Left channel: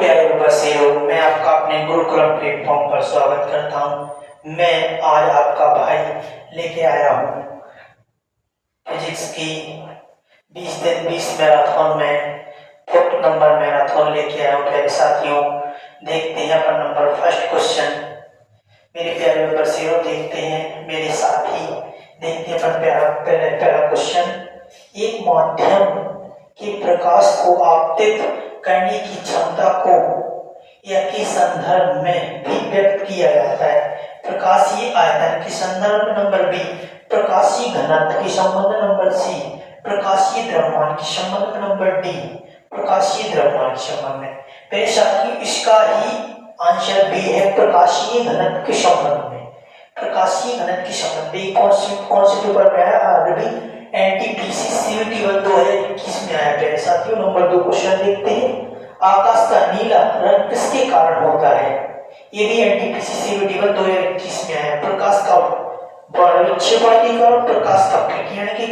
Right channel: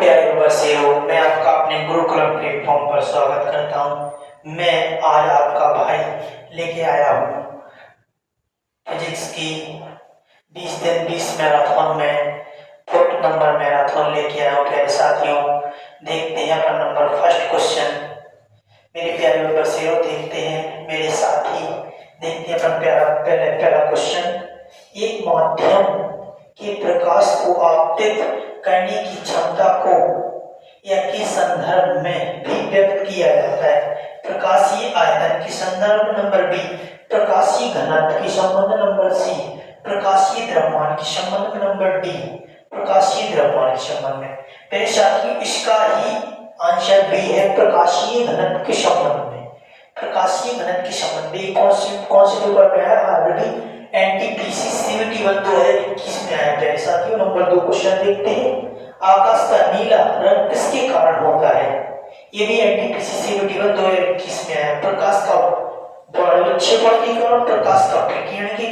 प्यारे बसेरो, मैं आपका अपने गुरुकुलम प्लेटफॉर्म पर स्वागत करता हूँ। मैं आज आपका भाई लेके आया हूँ फिजिक्स की 20 दिन 20 मैराथन में 4 नंबर मैराथन लेके आया हूँ। प्यारे साथियों, देखते हैं अपन नंबर फर्स्ट क्वेश्चन। मेरे प्यारे बसेरो, देखते हैं मेरे साथी, देखते हैं अपन पहला क्वेश्चन। एक माध्यम के प्रकाश को आपतित करने की क्षमता को या के संदर्भ में भी व्यक्त किया जाता है। प्रकाशीय आयतन के संदर्भ नंबर बी, प्रकाशीय घनत्व के संबंध नंबर सी, प्रकाशीय द्रव्यमान के संबंध नंबर डी, प्रकाशीय द्रव्यमान के संबंध में। मेरे साथियों, इसका ही आंसर बी है, प्रकाशीय घनत्व के संबंध में। प्रकाशीय घनत्व के संबंध में कौन से पेपर में है? आरबी एनटीपीसी सीयूटी 2021 में आया। प्यारे साथियों, नंबर 2 क्वेश्चन देखते हैं। आकाश का नीला रंग किसके कारण होता है? ये भी एनटीपीसी सीयूटी 2021 में आया। प्रकाश का विक्षेपण के कारण, प्रकाश का विकिरण के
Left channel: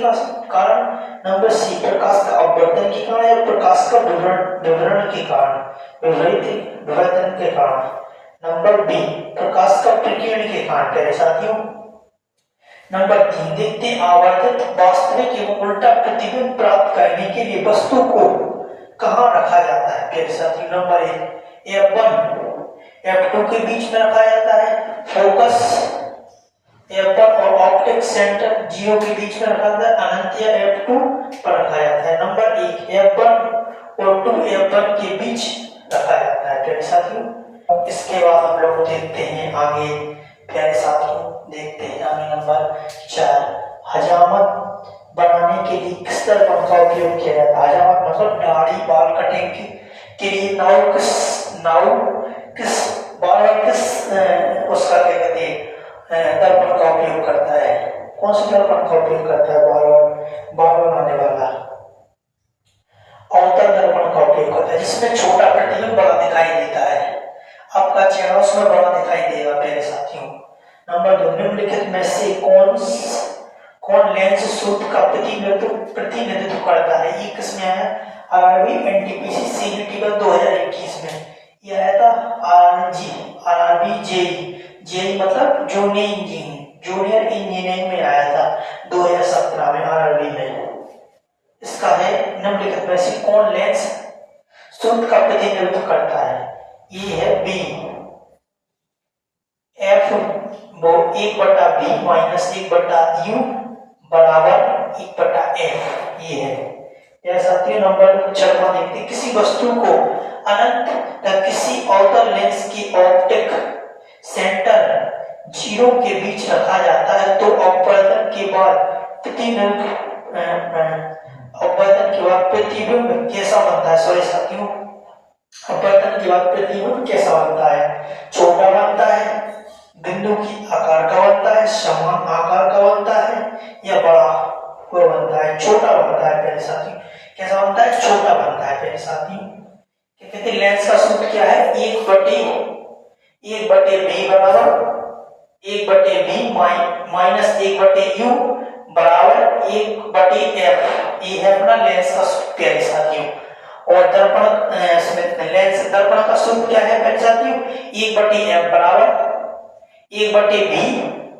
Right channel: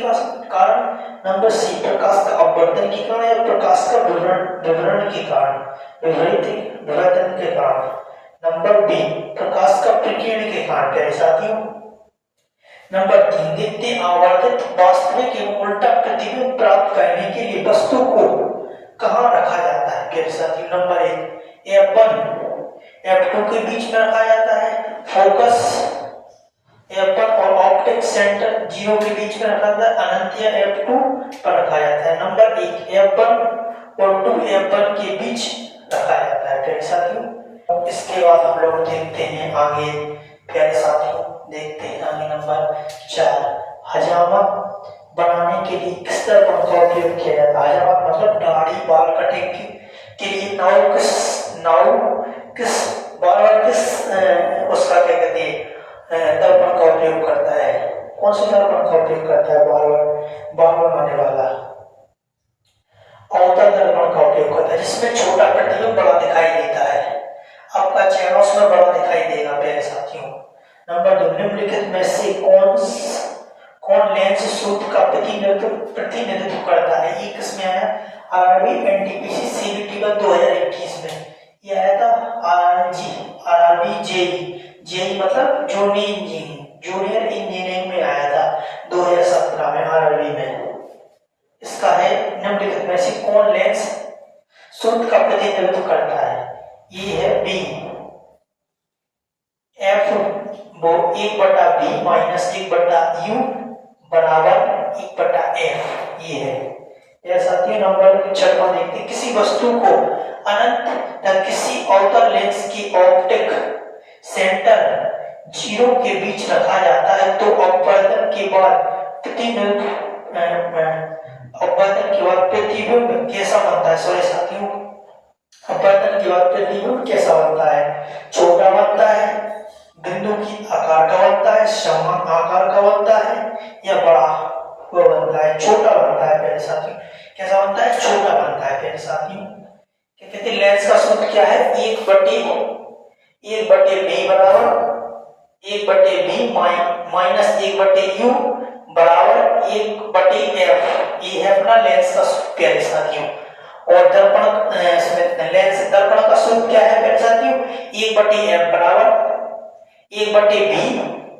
कारण, नंबर सी प्रकाश का अपवर्तन के कारण या प्रकाश का विवरण के कारण, विवर्तन के कारण, नंबर बी प्रकाश का विकिरण के कारण। प्यारे साथियों, नंबर 3 देखते आवर्धित वास्तविक एवं उल्टा प्रतिबिंब प्राप्त करने के लिए वस्तु को कहां रखा जाता है? प्यारे साथियों, नंबर 1 F1 F2 के बीच में रखा जाता है। फोकस F1 और ऑप्टिक सेंटर 0 के बीच में रखा जाता है। अनंत F2 पर रखा जाता है। नंबर 1 F1 और 2 F1 के बीच रखा जाता है। प्यारे साथियों, इसके बाद हम लोग देखते हैं आगे। प्यारे साथियों, देखते हैं आगे नंबर 4। हजामत बनाने के लिए किस दर्पण का उपयोग किया जाता है? हजामत मतलब दाढ़ी बाल कटिंग के लिए नाव किस उसका क्या कहते हैं दर्पण का उपयोग करता है? कौन से दर्पण का उपयोग करता है? बाल बनाने वाला अवतल दर्पण का उपयोग करता है, जिसमें छोटा प्रतिबिंब बड़ा दिखाई देता है। आपका चेहरा उसमें बड़ा दिखाई देगा। प्यारे साथियों, नंबर 2 निम्नलिखित में से कौन लेंस सूत्र का प्रतिनिधित्व करता है? ये किसमें आया? आरआरबी एनटीपीसी सीयूटी 2021 में यह आया था। आरआरबी जेई मतलब जूनियर इंजीनियरिंग में आया था 2017 में आरआरबी में। इसका है निम्नलिखित में से कौन लेंस सूत्र का प्रतिनिधित्व करता है? ये है बी एफ वो 1/b माइनस 1/u बराबर 1/f। ये है। यह साथियों, नंबर 6 देखते। किसी वस्तु को अनंत तक किसी अवतल लेंस की ऑप्टिक सेंटर 0 के बीच रखा जाता है तो अपवर्तन के बाद प्रतिबिंब कैसा बनता है? सॉरी साथियों, अपवर्तन के बाद प्रतिबिंब कैसा बनता है? छोटा बनता है, बिंदु की आकार का बनता है, समान आकार का बनता है या बड़ा वो बनता है? छोटा बनता है। प्यारे साथियों, कैसा बनता है? छोटा बनता है। प्यारे साथियों, क्या कहते हैं? लेंस का सूत्र क्या है? 1/b बराबर 1/b माइनस 1/u बराबर 1/f। ये है अपना लेंस का सूत्र। प्यारे साथियों, और लेंस दर्पण का सूत्र क्या है? प्यारे साथियों, 1/f बराबर 1/b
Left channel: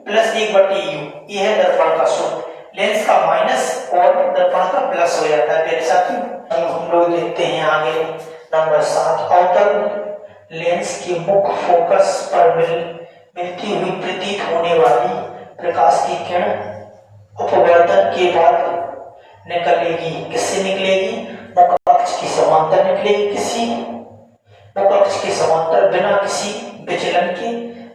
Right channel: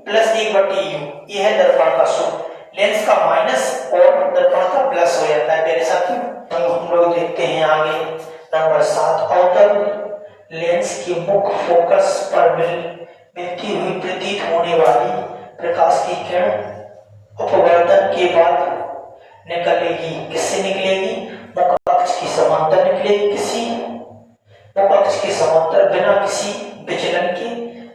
प्लस 1/u। ये है दर्पण का सूत्र। लेंस का माइनस और दर्पण का प्लस हो जाता है। प्यारे साथियों, हम लोग देखते हैं आगे नंबर 7। अवतल लेंस के मुख्य फोकस पर मिलती हुई प्रतीत होने वाली प्रकाश की किरण अपवर्तन के बाद निकलेगी। किससे निकलेगी? मुख्य अक्ष की समांतर निकलेगी। किसी मुख्य अक्ष के समांतर बिना किसी विचलन के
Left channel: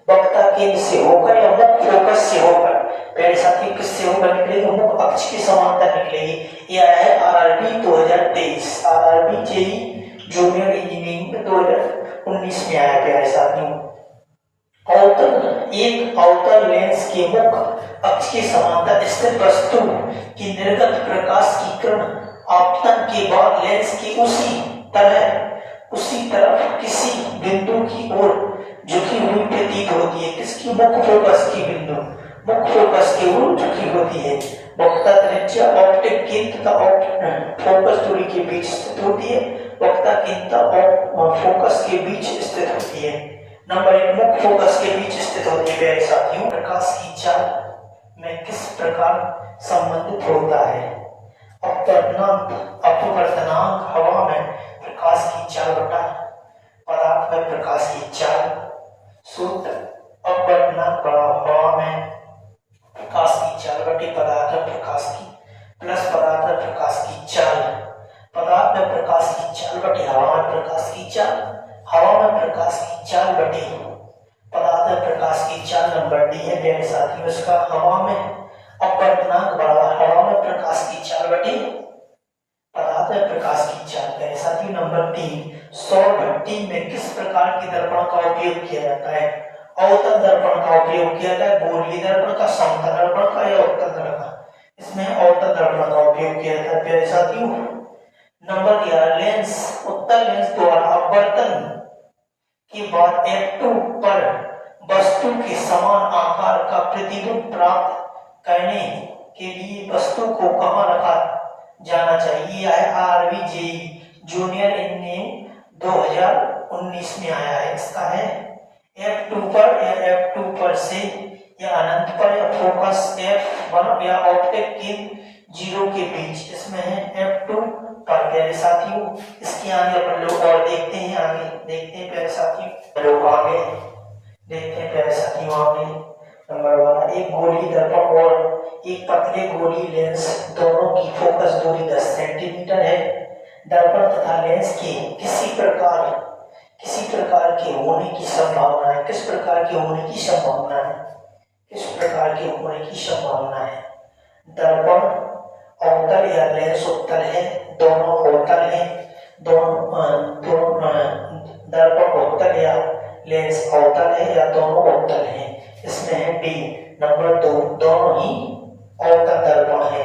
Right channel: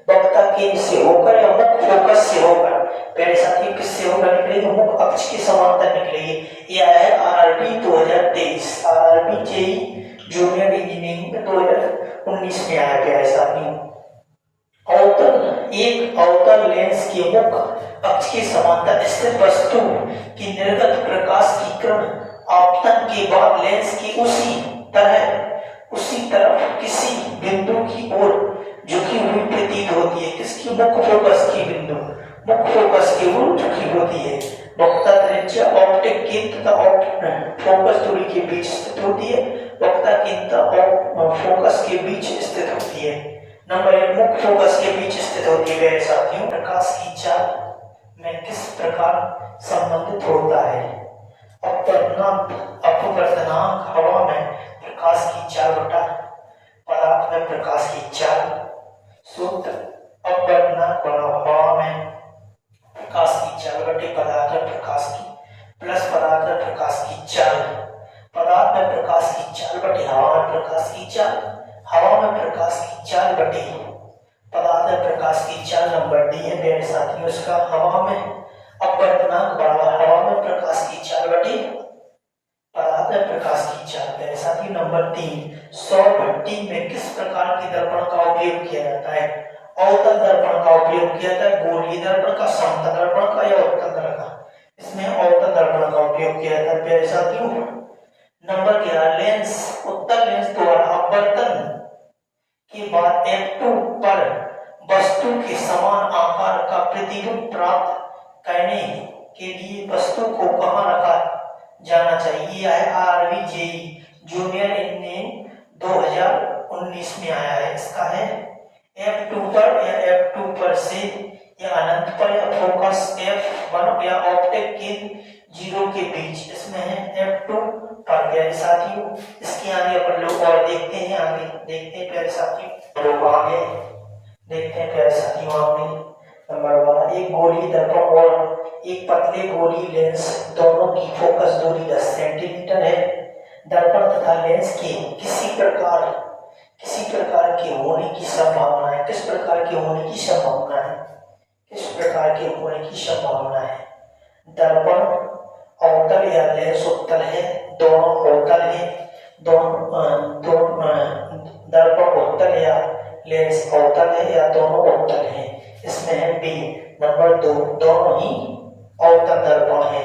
वक्ता केंद्र से होकर या मुख्य फोकस से होकर। प्यारे साथियों, किससे होकर निकलेगी? मुख्य अक्ष के समांतर निकलेगी। यह है RRB 2023, RRB JE junior engineering 2019 में आया। प्यारे साथियों, एक अवतल लेंस के मुख्य अक्ष के समांतर स्थित वस्तु की निर्गत प्रकाश की किरण आपतन के बाद लेंस की उसी तरफ किसी बिंदु की ओर झुकी हुई प्रतीत होती है। किसकी? मुख्य फोकस की बिंदु, मुख्य फोकस की ओर झुकी होती है। वक्ता त्रिज्या ऑप्टिक केंद्र तथा फोकस दूरी के बीच स्थित होती है। वक्ता केंद्र और फोकस के बीच स्थित होती है। नंबर 1 मुख्य फोकस के बीच स्थित होती है प्यारे साथियों। प्रकाश की चाल में किस प्रकार संबंधित होता है? अपवर्तनांक हवा में प्रकाश की चाल बटा पदार्थ में प्रकाश की चाल। सूत्र अपवर्तनांक हवा में प्रकाश की चाल बटे पदार्थ में प्रकाश की प्लस पदार्थ में प्रकाश की चाल। पदार्थ में प्रकाश की चाल बटे हवा में प्रकाश की चाल। हवा में प्रकाश की चाल बटे पदार्थ में प्रकाश की चाल। नंबर डी है प्यारे साथियों इसका। हवा में अपवर्तनांक बराबर हवा में प्रकाश की चाल बटे पदार्थ में प्रकाश की चाल प्यारे साथियों। नंबर 3 सौर भट्टी में किस प्रकार के दर्पण का उपयोग किया जाता है? अवतल दर्पण का उपयोग किया जाता है, गोलीय दर्पण का, समतल दर्पण का या उत्तल दर्पण का? इसमें अवतल दर्पण का उपयोग किया जाता है प्यारे साथियों। नंबर 11 लेंस उत्तल लेंस द्वारा अपवर्तन के बाद f2 पर वस्तु के समान आकार का प्रतिबिंब प्राप्त करने के लिए वस्तु को कहां रखा जाना चाहिए? है आरवी जेई जूनियर इनमें 2019 में आया है। इसका है f2 पर या f2 पर से या अनंत पर या फोकस f1 या ऑप्टिक के 0 के बीच। इसमें है f2 पर प्यारे साथियों। इसके आगे अपन लोग और देखते हैं, आगे देखते हैं प्यारे साथियों। लोग आगे देखते हैं प्यारे साथियों। आगे नंबर 1 एक गोली दर्पण और एक पतले गोली लेंस दोनों की फोकस दूरी 10 सेंटीमीटर है। दर्पण तथा लेंस के किसी प्रकार के होने की संभावना है। किस प्रकार के होने की संभावना है? किस प्रकार के होने की संभावना है? दर्पण अवतल या लेंस उत्तल है, दोनों अवतल है, दर्पण उत्तल या लेंस अवतल है या दोनों अवतल है। इसमें है बी नंबर 2 दोनों ही अवतल दर्पण है,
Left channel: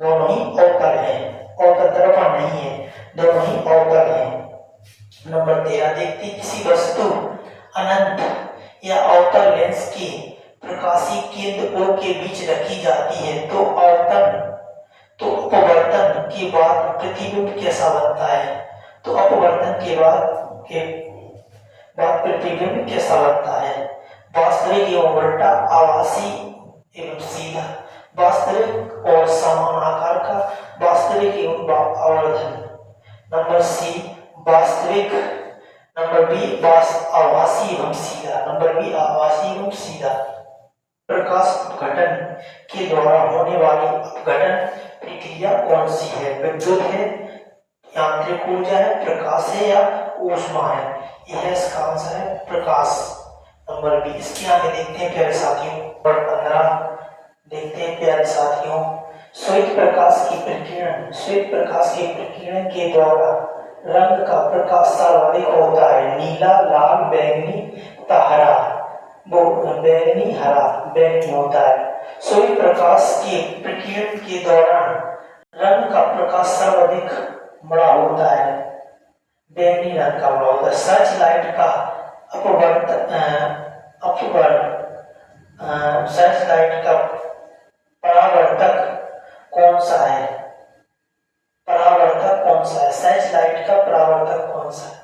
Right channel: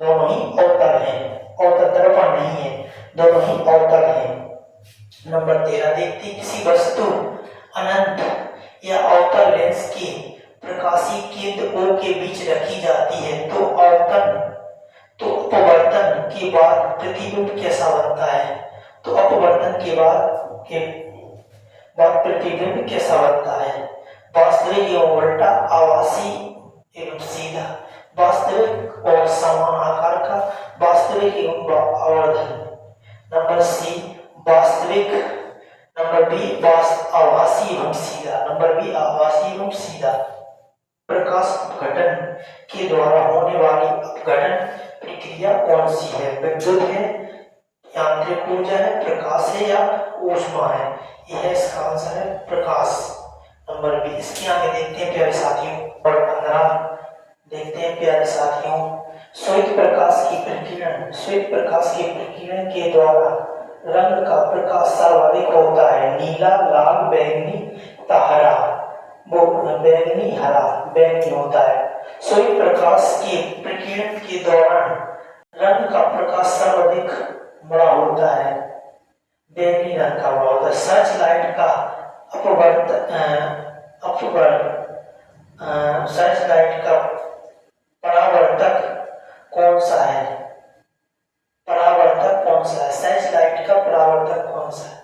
दोनों ही अवतल है, अवतल दर्पण नहीं है, दोनों ही अवतल है। नंबर 13 देखते किसी वस्तु अनंत या अवतल लेंस की प्रकाशीय केंद्र O के बीच रखी जाती है तो अपवर्तन के बाद प्रतिबिंब कैसा बनता है? तो अपवर्तन के बाद प्रतिबिंब कैसा बनता है? वास्तविक एवं उल्टा, आभासी एवं सीधा, वास्तविक और समान आकार का, वास्तविक एवं आवर्धन। नंबर सी वास्तविक। नंबर बी आभासी एवं सीधा। नंबर बी आभासी एवं सीधा। प्रकाश अपघटन के द्वारा होने वाली अपघटन प्रक्रिया कौन सी है? विद्युत है, यांत्रिक ऊर्जा है, प्रकाश है या ऊष्मा है? यह इसका आंसर है प्रकाश। Number B. इसके आगे देखते हैं प्यारे साथियों। नंबर 15 देखते हैं प्यारे साथियों। श्वेत प्रकाश की प्रकीर्णन के द्वारा रंग का प्रकाश सर्वाधिक होता है। नीला, लाल, बैंगनी तथा हरा। बैंगनी, हरा, बैंगनी होता है। सूर्य प्रकाश के प्रकीर्णन के दौरान रंग का प्रकाश सर्वाधिक बड़ा होता है, बैंगनी रंग का बड़ा होता है। सर्च लाइट का सर्च लाइट का परावर्तक कौन सा है? परावर्तक कौन सा है? सर्च लाइट का परावर्तक कौन सा है?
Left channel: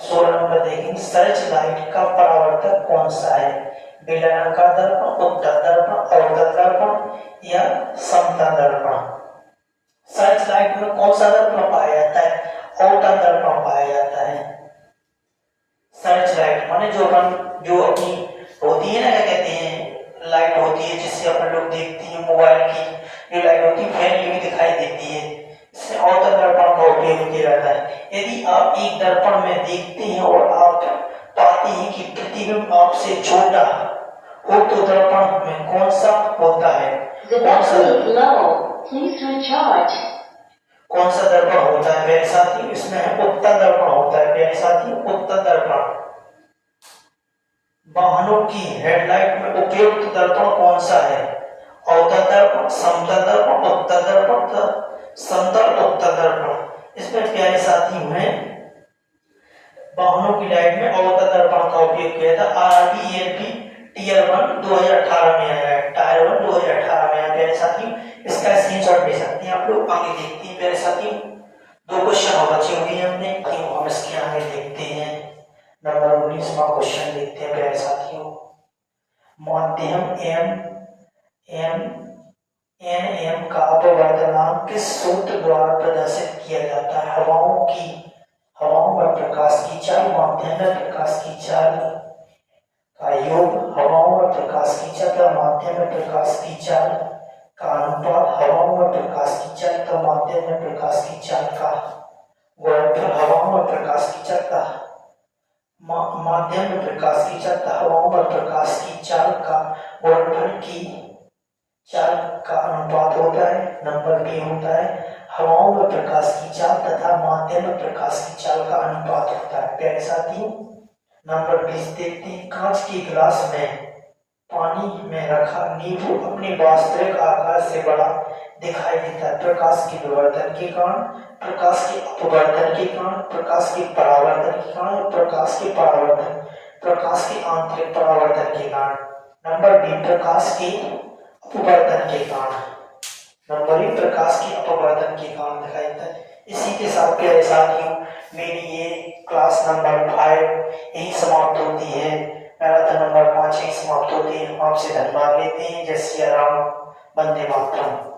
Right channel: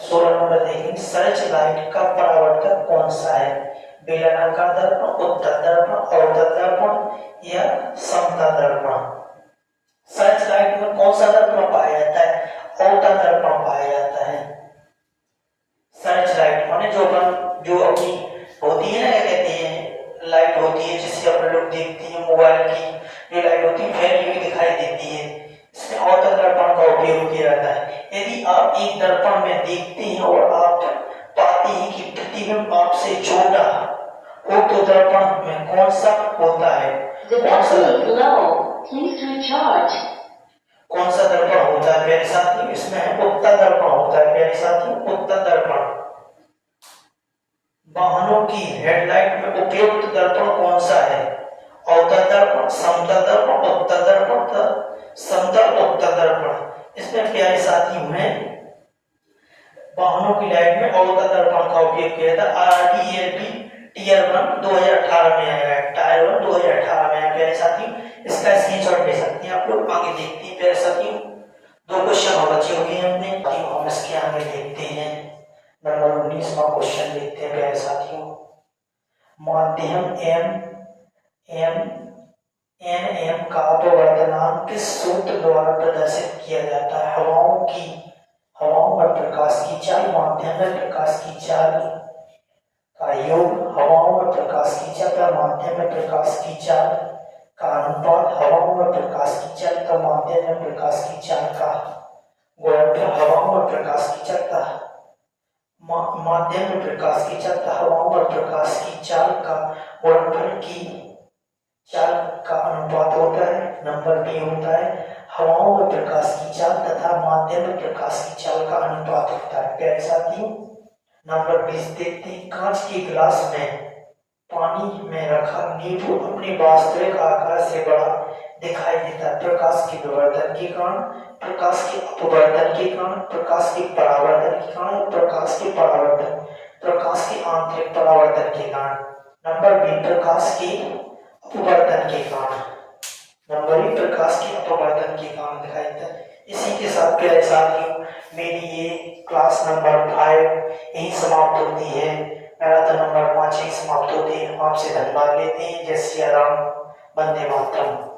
16 नंबर देखें सर्च लाइट का परावर्तक कौन सा है? बेलनाकार दर्पण, उत्तल दर्पण, अवतल दर्पण या समतल दर्पण? सर्च लाइट में कौन सा दर्पण पाया जाता है? अवतल दर्पण पाया जाता है। सर्च लाइट माने जो अपनी होती है ना, क्या कहते हैं, लाइट होती है जिससे अपन लोग देखते हैं, मोबाइल की जो लाइट होती है फैली हुई दिखाई देती है, इसमें अवतल दर्पण का उपयोग किया जाता है। यदि आप एक दर्पण में देखते हैं और आप पाते हैं कि प्रतिबिंब आपसे छोटा हो तो दर्पण में कौन सा होता है? कौन सा दर्पण होता है प्यारे साथियों? इसमें उत्तल दर्पण होता है प्यारे साथियों, उत्तल दर्पण। वाहनों की हेडलाइट में उपयुक्त दर्पण कौन सा है? अवतल दर्पण, समतल दर्पण, उत्तल दर्पण, समतल उत्तल दर्पण। इसमें प्यारे साथियों में वाहनों की लाइट में अवतल दर्पण का उपयोग किया था। RRB टीयर 1 2018 में आया है, टायर 1 2018 में आया प्यारे साथियों। इसका स्क्रीनशॉट ले सकते हैं आप लोग। आगे देखते हैं प्यारे साथियों। दो क्वेश्चन और बचे हुए हैं हमने, हम इसके आगे देखते हैं। नंबर 19वां क्वेश्चन देखते हैं प्यारे साथियों। माध्यम एम एन एम का अपवर्तनांक किस सूत्र द्वारा प्रदर्शित किया जाता है? हवाओं में प्रकाश की चाल, माध्यम में प्रकाश की चाल का योग, हवाओं में प्रकाश की चाल, माध्यम में प्रकाश की चाल का अनुपात, हवाओं में प्रकाश की चाल तो माध्यम में प्रकाश की चाल का गुणनफल, हवाओं में प्रकाश की चाल का माध्यम में प्रकाश की चाल, हवाओं में प्रकाश की चाल का गुणनफल की चाल का अनुपात होता है। नंबर बी होता है हवाओं में प्रकाश की चाल तथा माध्यम में प्रकाश की चाल का अनुपात होता है। प्यारे साथियों, नंबर 20 देखते हैं। कांच के गिलास में पानी में रखा नींबू अपने वास्तविक आकार से बड़ा दिखाई देता है। प्रकाश के विवर्तन के कारण, प्रकाश के अपवर्तन के कारण, प्रकाश के परावर्तन के कारण, प्रकाश के आंतरिक परावर्तन के कारण। नंबर बी प्रकाश के अपवर्तन के कारण। नंबर बी प्रकाश के अपवर्तन के कारण दिखाई देता है। इसी के साथ प्यारे साथियों मेरी ये क्लास नंबर 5 यही समाप्त होती है। मैराथन नंबर 5 यही समाप्त होती है। आपसे धन्यवाद लेते हैं। जय सिया राम, वंदे मातरम।